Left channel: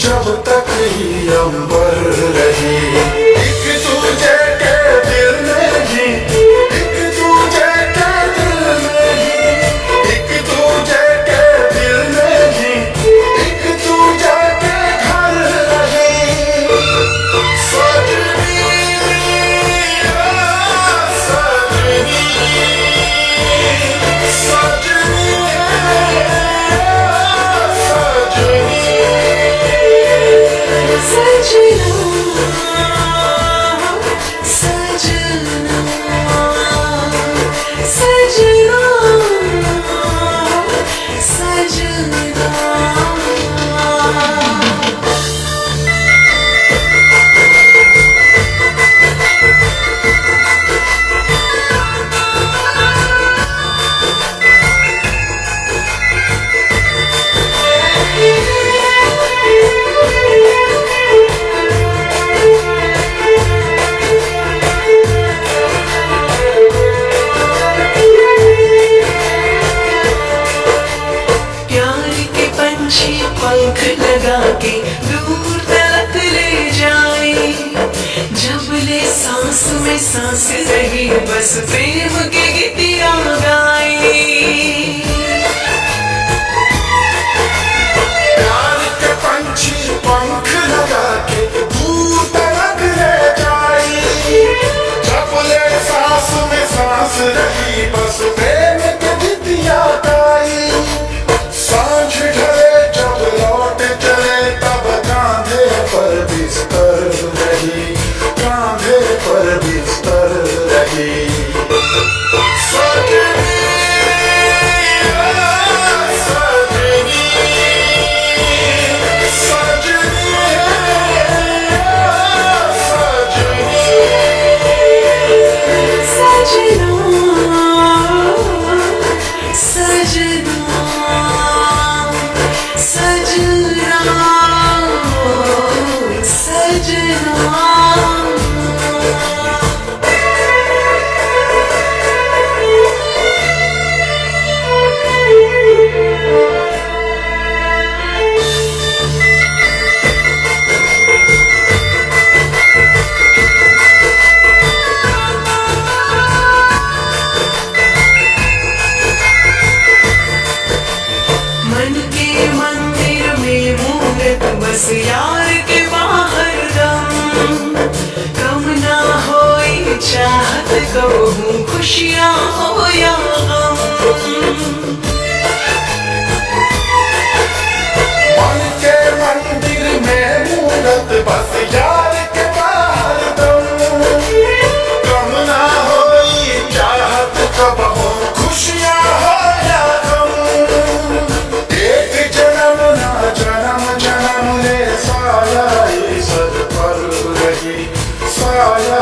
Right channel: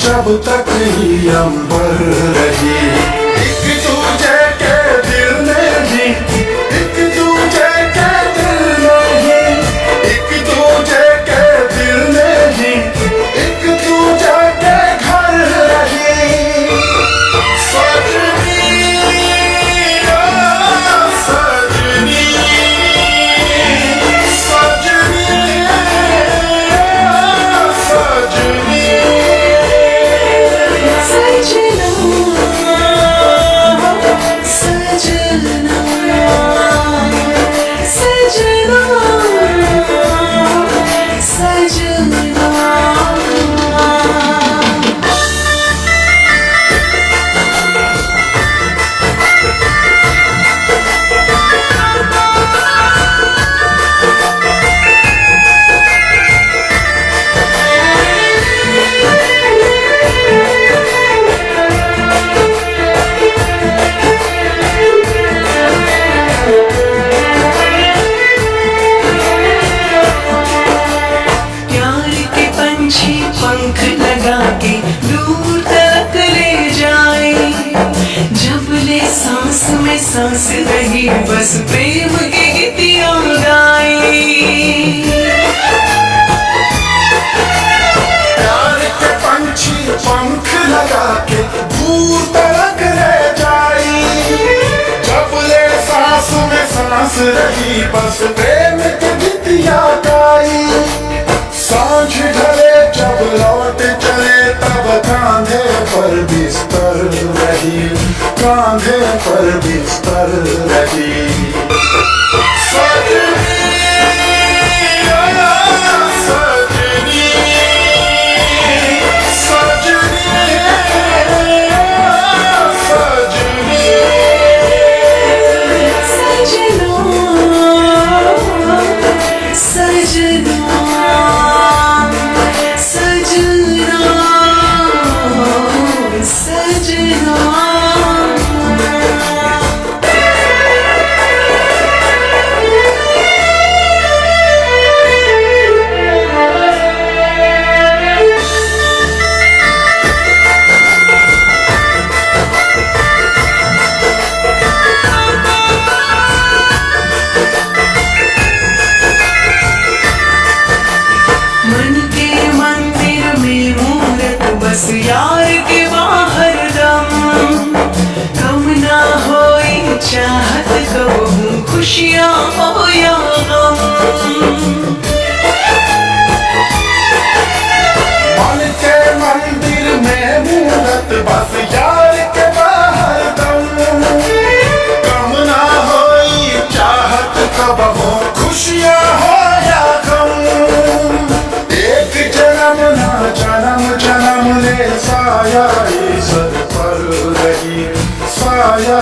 जब तक ही अंबर रही। एक दूजे के दिल में ही, एक दूजे के दिल में ही, एक दूजे के दिल में ही, एक दूजे के घर रही। सजनी ओ सजनी, सजनी ओ सजनी। पंख लगा के दूर तक ले जाए, जब ले सांस में सांस रही बस प्रेम की गीतियां गाए। प्यार के पंछी पंख लगा के दूर तक ले जाए, जब ले सांस में सांस रही बस प्रेम की गीतियां गाई। सांझ ढले जब लौट चले तब कांधे पर बिस्तर रही, कांधे पर बिस्तर रही। सजनी ओ सजनी, सजनी ओ सजनी। सजना सजना सजना सजना। मन के मंदिर में मूरत बस यार के बाहर दम, कम ना होई चाहत कहूँ खुशियाँ हो या गम। मन के मंदिर में मूरत बस यार के बाहर दम, कम ना होई चाहत कबहू खुशियाँ हो या गम। एक जन्म ना जन्म जन्म ले साया सर पर रही, साया